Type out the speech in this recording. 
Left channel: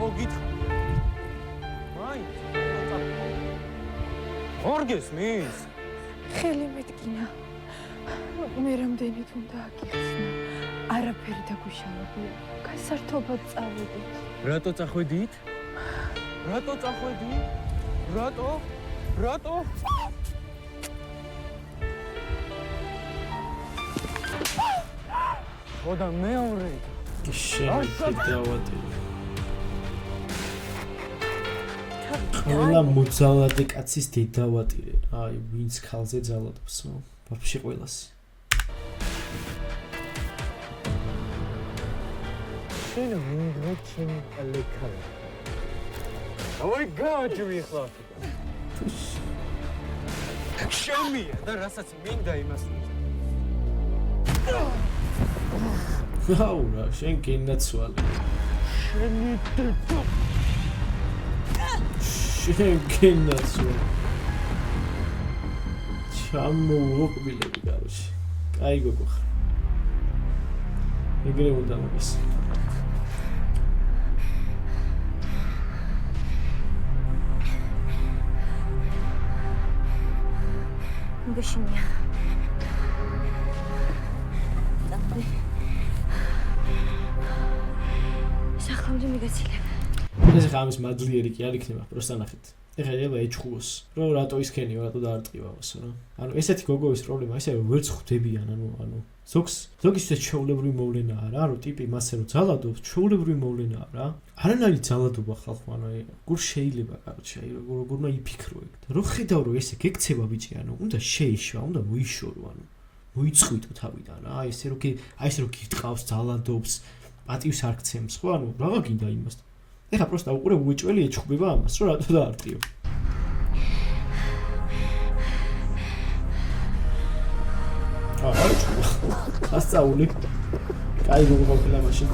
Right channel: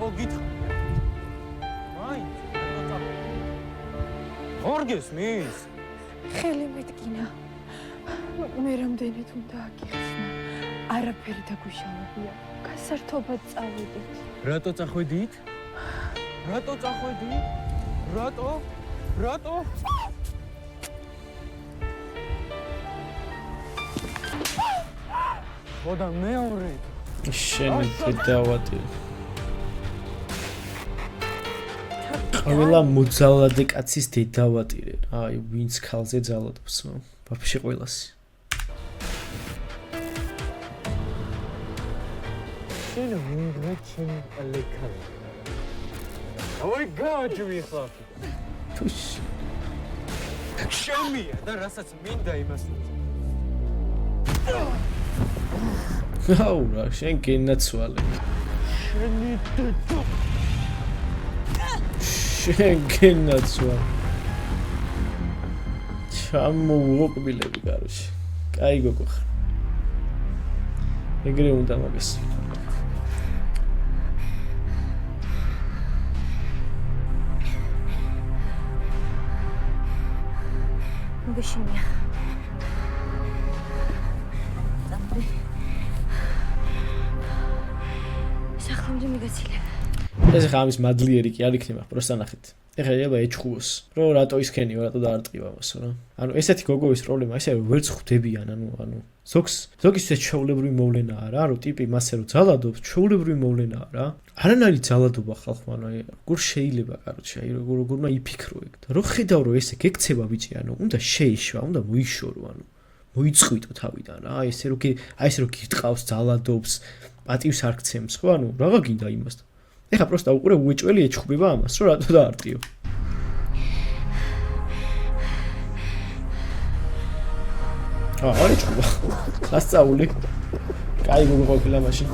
ხო გითხარია. მაინც რატო წახვედი? ორ გესმის? ხელი მეტკინა. მე რამდენით უნდა აგიხსნა. არაფერი დაგვიშალებია. გასართობად წავედით. რატო წახვედით? რატო წახვედით? რატო? ხო და მეორედ. შენ დავატირე. ყველა მუძალადე კაცის დედავატირე. აი, ვინც ხალზე ძალადობს, ვაფშე ყველასი. შენ ვინდა ჩემი ალეკალა. დავაი გააჯვი ხლაფი. შომია და რასაც მინდა იმას უძე. გაურა, შენ გენაცვალე. შენი დედა. შენ გენაცვალე. ჩამოვუყბილები გარში. კაი გოგო ხარ. ეგრე უნდა მაგას. მგეშინია. დამრე. სახლამდე მიგაცილებ. ეს ხამის მადლიერი კი არ იქნება, პროსტა ნახეთ. ეხლა ელება ეჩხუოს, რომ რატო ისქენიო, რატო დაარტყივავასო რა. ანუ ესეთი გოგოვის პრობლემა ისე ვერც ხვდებიან, ანუ ზოგისთვის ჩვეულებრივი მოვლენაა რა, რომ ტიპი მასე რომ ძალადობს, ჩვეულებრივი მოვლენაა რა. არანაირი ძალადობა ხალხმა, ანუ როგორ შეიძლება, კაროჩე, აი როგორმა იფიქრო ეგ და რო ხედავ რომ ესე გეკცება ბიჭი, ანუ უნდა შეიშვა, უნდა მოიშორო, ანუ მოიწყვიტო თავიდან რა. აი ესე რომ გიტყავს, ძალადობს, პატივს არ გცემს, ხო, ანუ რაღა გინდა იმასთან. ეხა პროსტა უყურე უეჭველი ეჩხუბება ამას, რომ რატო დაარტყიო. ასწავლე. კაი მოგოყედა მაშინ.